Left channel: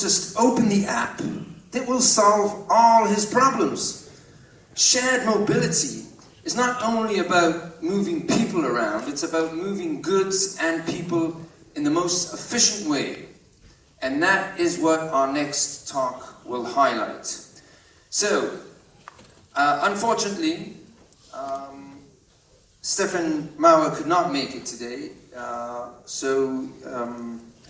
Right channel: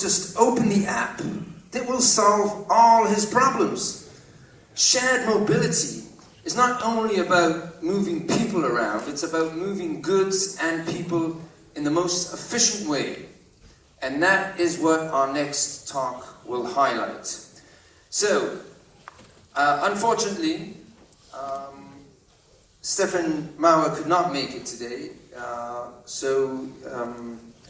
just open the app, it will solve all his problems. Shared mobility is not only about moving people around, it's about moving goods and people in the most efficient way. And that is what our next talk will highlight. So, unfortunately, Stefan Mauer could not make it today,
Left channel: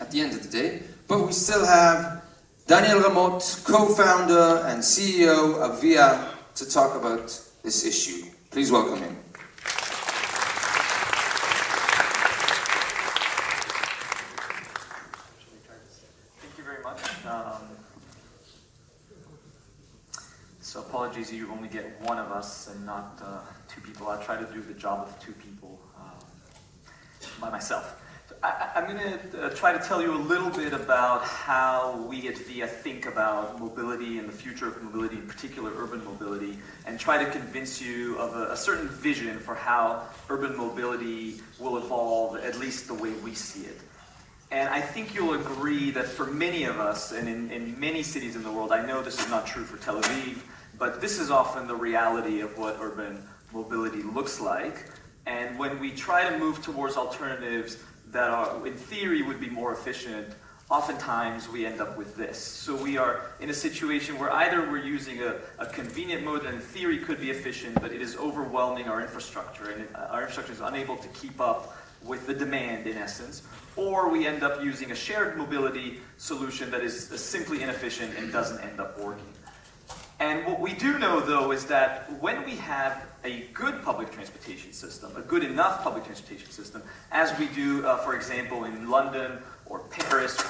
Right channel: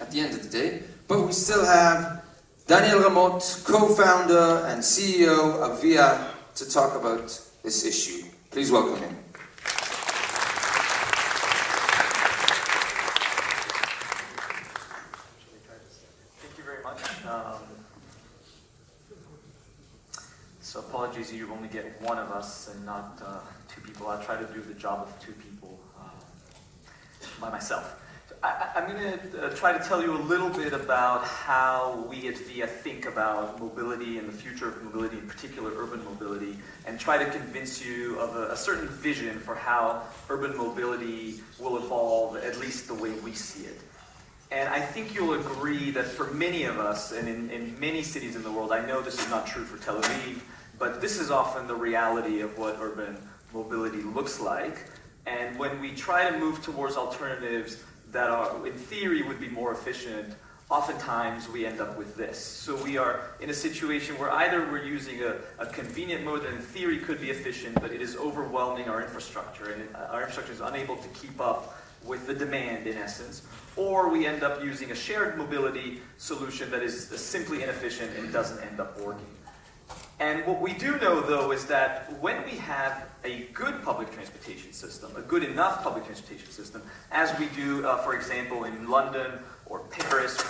at the end of the day, but we still have Daniel Ramot, co-founder and CEO of iLLiA, to talk about this issue. Please welcome him. Thank you very much. So apologies, you only get one of us and not two people. I'll try to do the job of two people by myself. I'm going to try to tell you a little bit about how we at iLLiA think about mobility and the future of mobility, in particular urban mobility, and try to convince you of a certain vision for how urban mobility will evolve, at least the way we see it. And I think you'll agree that for many of us, and in many cities in the world, I know this is not true for Tel Aviv, but this is often the reality of what urban mobility looks like. And when we try to move towards alternatives that are, in theory, would be more efficient, oftentimes we end up with this. So we are in a situation where either we're using a convenient mode that in theory could be efficient, but it is overwhelming our infrastructure, and our infrastructure is unable to keep up with the demand, in essence, or we end up using a shared mobility solution that is simply inefficient and doesn't end up working. And what we do know, though, is that when we have a good public transportation system, a good enough public transportation system, as we do, for example, in London or Paris,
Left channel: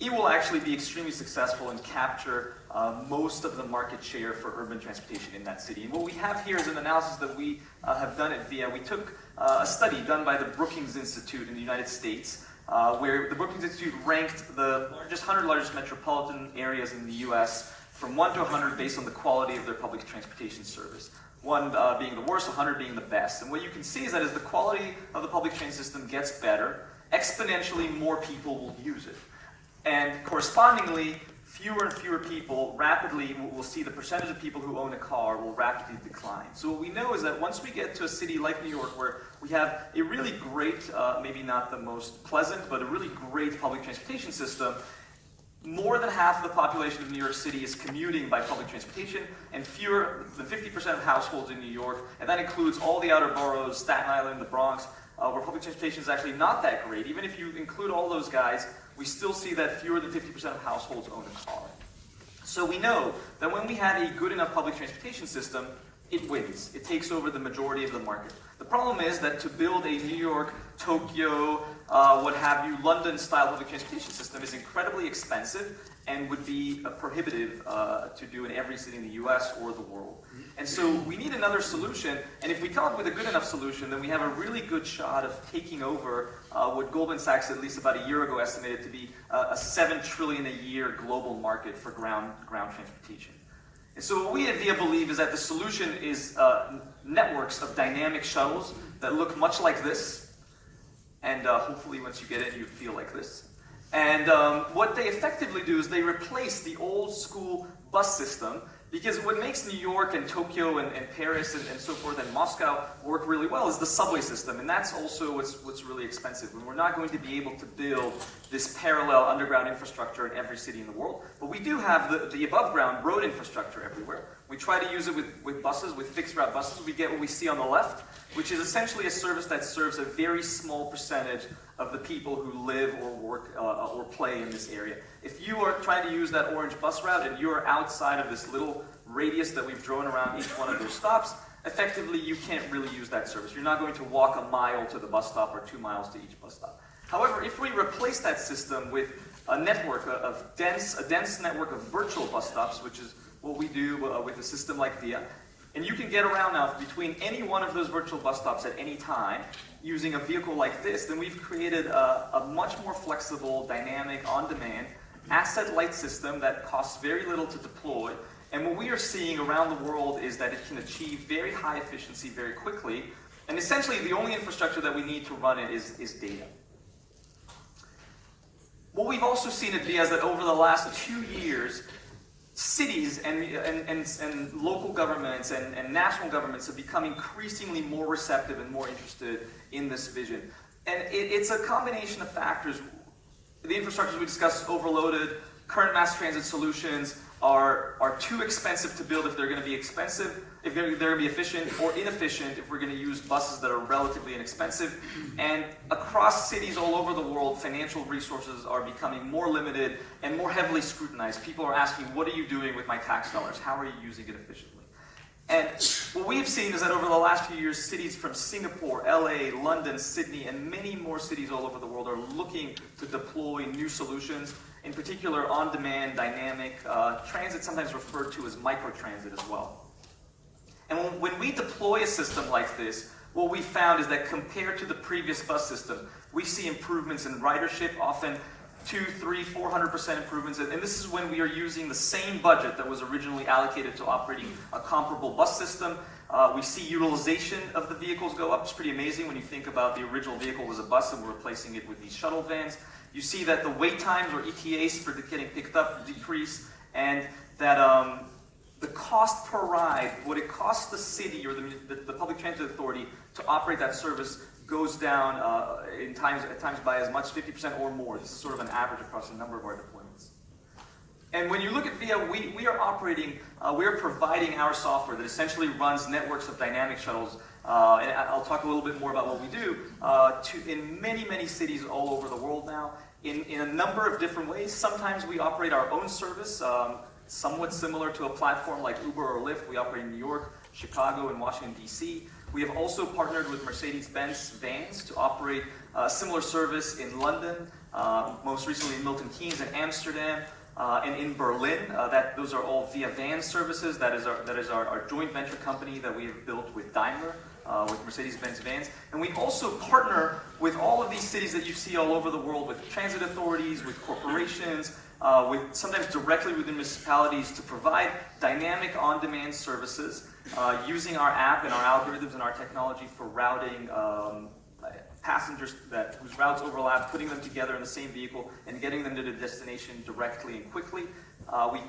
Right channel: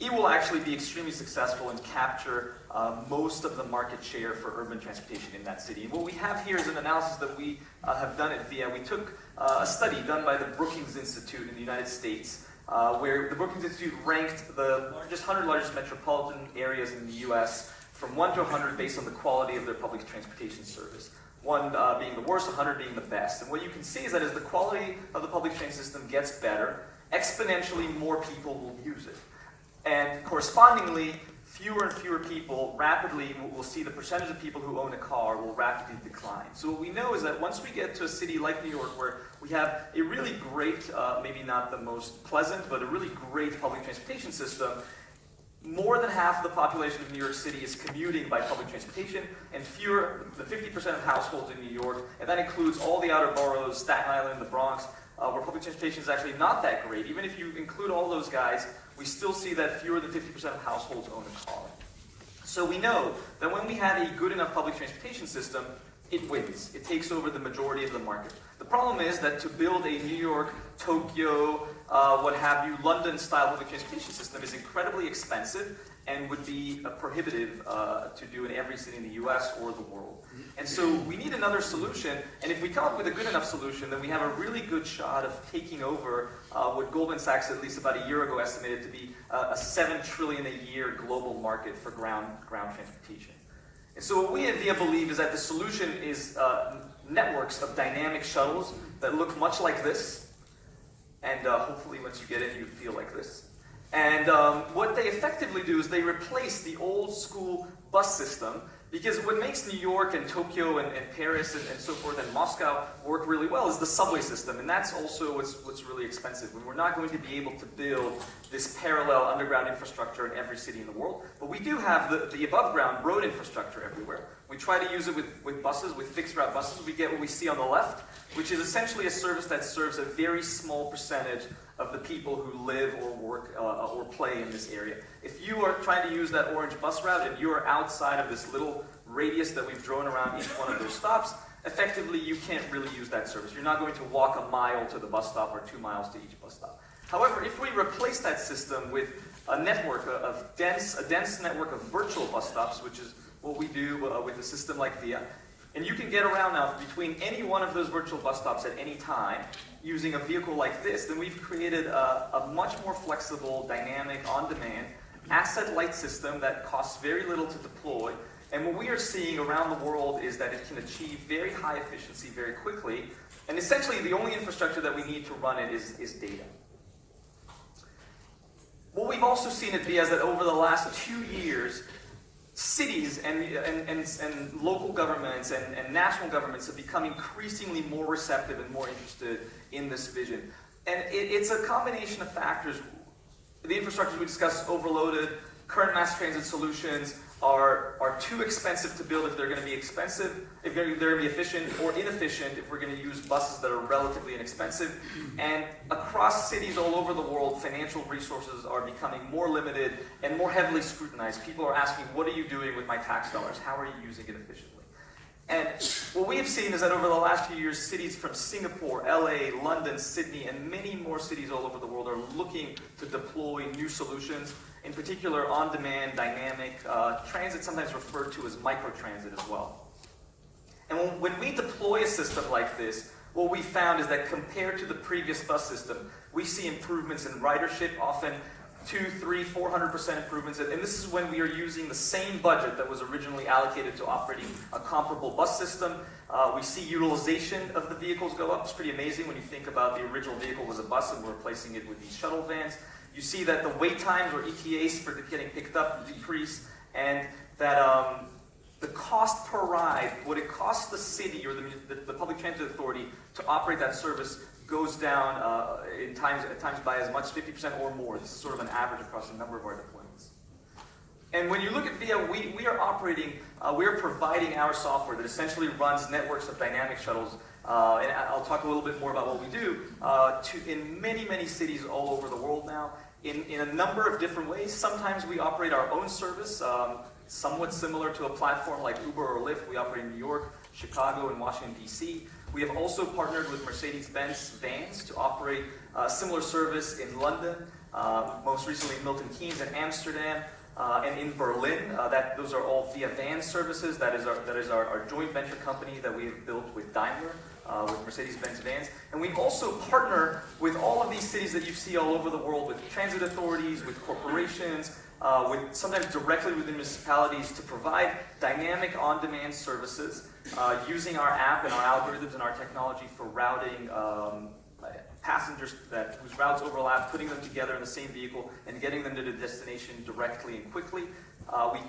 it will actually be extremely successful and capture most of the market share for urban transportation in that city. And what we have here is an analysis that we have done at iLLiA. We took a study done by the Brookings Institute in the United States, where the Brookings Institute ranked the 100 largest metropolitan areas in the US from 1 to 100 based on the quality of their public transportation service. 1 being the worst, 100 being the best. And what you can see is that as the quality of the public transit system gets better, exponentially more people will use it. And correspondingly, fewer and fewer people rapidly will see the percentage of people who own a car will rapidly decline. So what we know is that once we get to a city like New York, where we have a really great, maybe not the most pleasant, but a really great public transportation system, more than half of the population of New York City is commuting by public transportation, and fewer than 50% of households in New York, and that includes all the outer boroughs, Staten Island, the Bronx, where public transportation is actually not that great. Even if you include all those guys, we still see that fewer than 50% of households own a car. So we know that when we have a good enough public transportation system, it wins. It takes over the majority of the market. The problem is that to build a New York, Tokyo, what have you, London-style public transportation system is incredibly expensive and would be prohibitive to do in every city in the US or the world. And so we need another solution, and if we come up with a good enough solution, then we have a really good shot of taking over what Goldman Sachs, at least about a year ago, estimated to be a $7 trillion a year global market for ground transportation. And so what we at iLLiA believe is that the solution is networks of dynamic shuttles that look much like this, and hopefully once you get it, you feel like this. And what they effectively do is they replace the old school bus system, because what makes New York and Tokyo and Paris and so forth and Moscow work really well is the subway system, and that's also what's really expensive. We're not going to be able to build this parallel underground infrastructure in every city in the world, but we do have the above ground road infrastructure everywhere. We try to use it with buses, with fixed route buses. We get what we see on the left, which is essentially a service that serves a very small percentage of the people who live or work or play in this area. If you are trying to use that orange bus route and you're outside of this little radius that we've drawn around each one of those stops, effectively you can't really use that service. You're not going to walk a mile to the bus stop or 2 miles to each bus stop. However, if we replace that system with a network of a dense network of virtual bus stops, which is what we do with a system like iLLiA, and you can get around now between any one of those virtual bus stops at any time using a vehicle like this, then we've created a much more flexible, dynamic, on-demand, asset-light system that costs very little to deploy. And what we are seeing around the world is that it can achieve very high efficiency very quickly. And essentially, the only infrastructure that we need to run it is data. What we've also seen at VIA is that over the last 2 years, cities and local governments and national governments have become increasingly more receptive and more interested in this vision. And it's a combination of factors. The infrastructures we discussed is overloaded. Current mass transit solutions are too expensive to build if they're going to be expensive, if they're going to be efficient, or inefficient if we're going to use buses that are relatively inexpensive. And across cities all over the world, financial resources are becoming more limited and more heavily scrutinized. People are asking, what are you doing with my tax dollars? How are you using it efficiently? And what we have seen is that over the last few years, cities from Singapore, LA, London, Sydney, and many more cities all over the world are looking to deploy new solutions, in particular on-demand, dynamic, transit, sometimes referred to as microtransit as well. And when we deploy a system like this, what we found is that compared to the previous bus system, we see improvements in ridership, often 200%, 300%, 400% improvements. And this is when we are using the same budget that was originally allocated to operating a comparable bus system. We see utilization of the vehicles go up. It's pretty amazing when you think about the original vehicle was a bus and we're replacing it with these shuttle vans. You see that the wait times or ETAs for getting picked up decrease, and that the cost per ride, what it costs the city or the public transit authority to operate that service goes down at times by as much as 50% or more. This is sort of an average across a number of our deployments. And when you look at VIA, we are providing our software that essentially runs networks of dynamic shuttles, and I'll talk a little bit more about what we do, in many, many cities all over the world now, in a number of different ways. Sometimes we operate our own service, somewhat similar to a platform like Uber or Lyft. We operate in New York, Chicago, and Washington, D.C. We have also partnered with Mercedes-Benz vans to operate a similar service in London, most recently in Milton Keynes and Amsterdam, and in Berlin. Those are all VIA van services. That is our joint venture company that we have built with Daimler, with Mercedes-Benz vans. And we also partner with all of these cities that you see all over the world, with transit authorities, with corporations, with sometimes directly with the to provide dynamic on-demand services using our app and our algorithms and our technology for routing passengers whose routes overlap, putting them together in the same vehicle and getting them to the destination directly and quickly.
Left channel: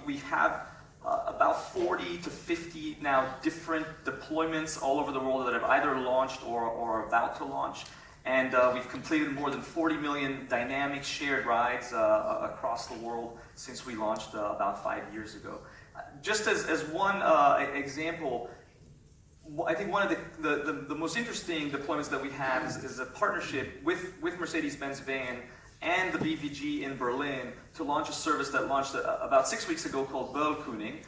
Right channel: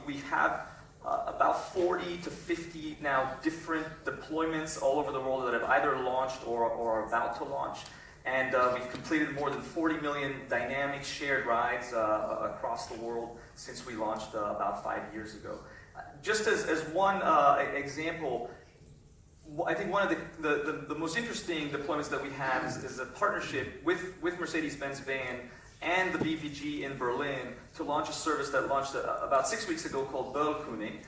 We have about 40 to 50 now different deployments all over the world that have either launched or are about to launch. And we've completed more than 40 million dynamic shared rides across the world since we launched about 5 years ago. Just as one example, I think one of the most interesting deployments that we have is a partnership with Mercedes-Benz van and the BVG in Berlin to launch a service that launched about 6 weeks ago called Böllkuning.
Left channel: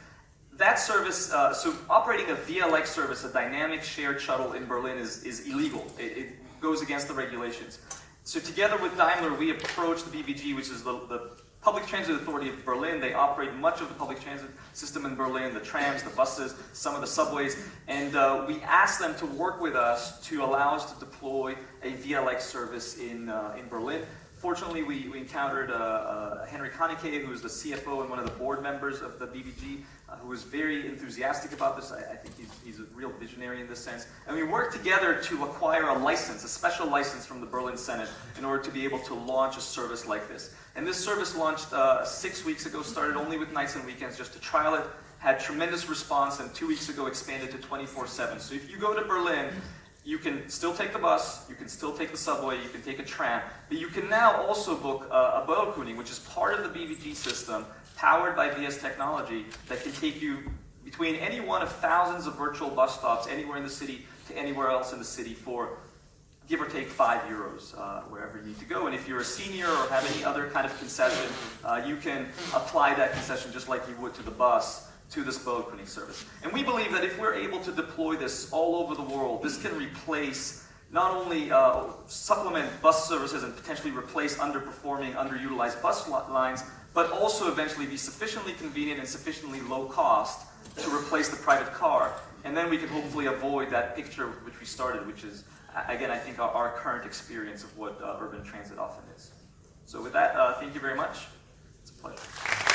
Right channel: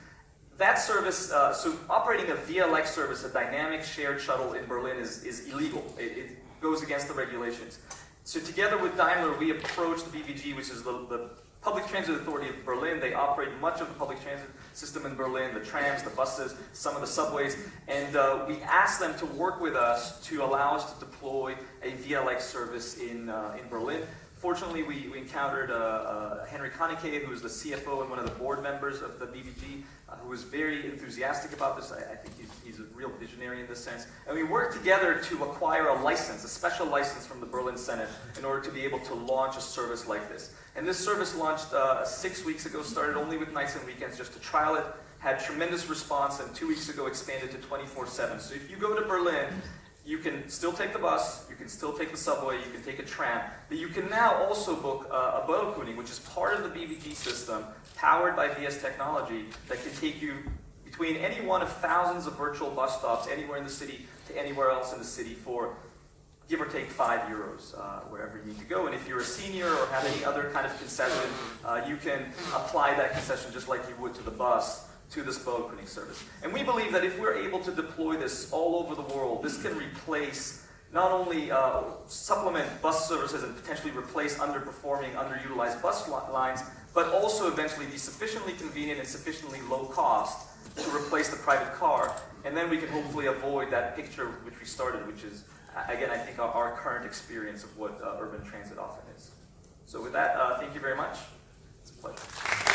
That service, so operating a VIA-like service, a dynamic shared shuttle in Berlin is illegal. It goes against the regulations. So together with Daimler, we approached the BVG, which is the Public Transit Authority of Berlin. They operate much of the public transit system in Berlin, the trams, the buses, some of the subways, and we asked them to work with us to allow us to deploy a VIA-like service in Berlin. Fortunately, we encountered Henry Konecke, who is the CFO and one of the board members of the BVG, who was very enthusiastic about this. I think he's a real visionary in this sense. And we worked together to acquire a license, a special license from the Berlin Senate, in order to be able to launch a service like this. And this service launched 6 weeks ago, started only with nights and weekends just to trial it, had tremendous response, and 2 weeks ago expanded to 24/7. So if you go to Berlin, you can still take the bus, you can still take the subway, you can take a tram, but you can now also book a Böllkuning, which is part of the BVG system, powered by VIA's technology, that can take you between any one of thousands of virtual bus stops anywhere in the city to anywhere else in the city for give or take €5, wherever you need to go. And if you're a senior or have any other kind of concession, you can apply that concession just like you would to the bus, to this Böllkuning service. And we believe that if we're able to deploy this all over the world, this can replace, not only supplement bus services and potentially replace underperforming, underutilized bus lines, but also eventually be sufficiently convenient and sufficiently low cost to replace the private car. And then we can hopefully avoid that picture which we started, which is, again, I think our current experience of what urban transit often is. So with that, thank you very much. It's a pleasure.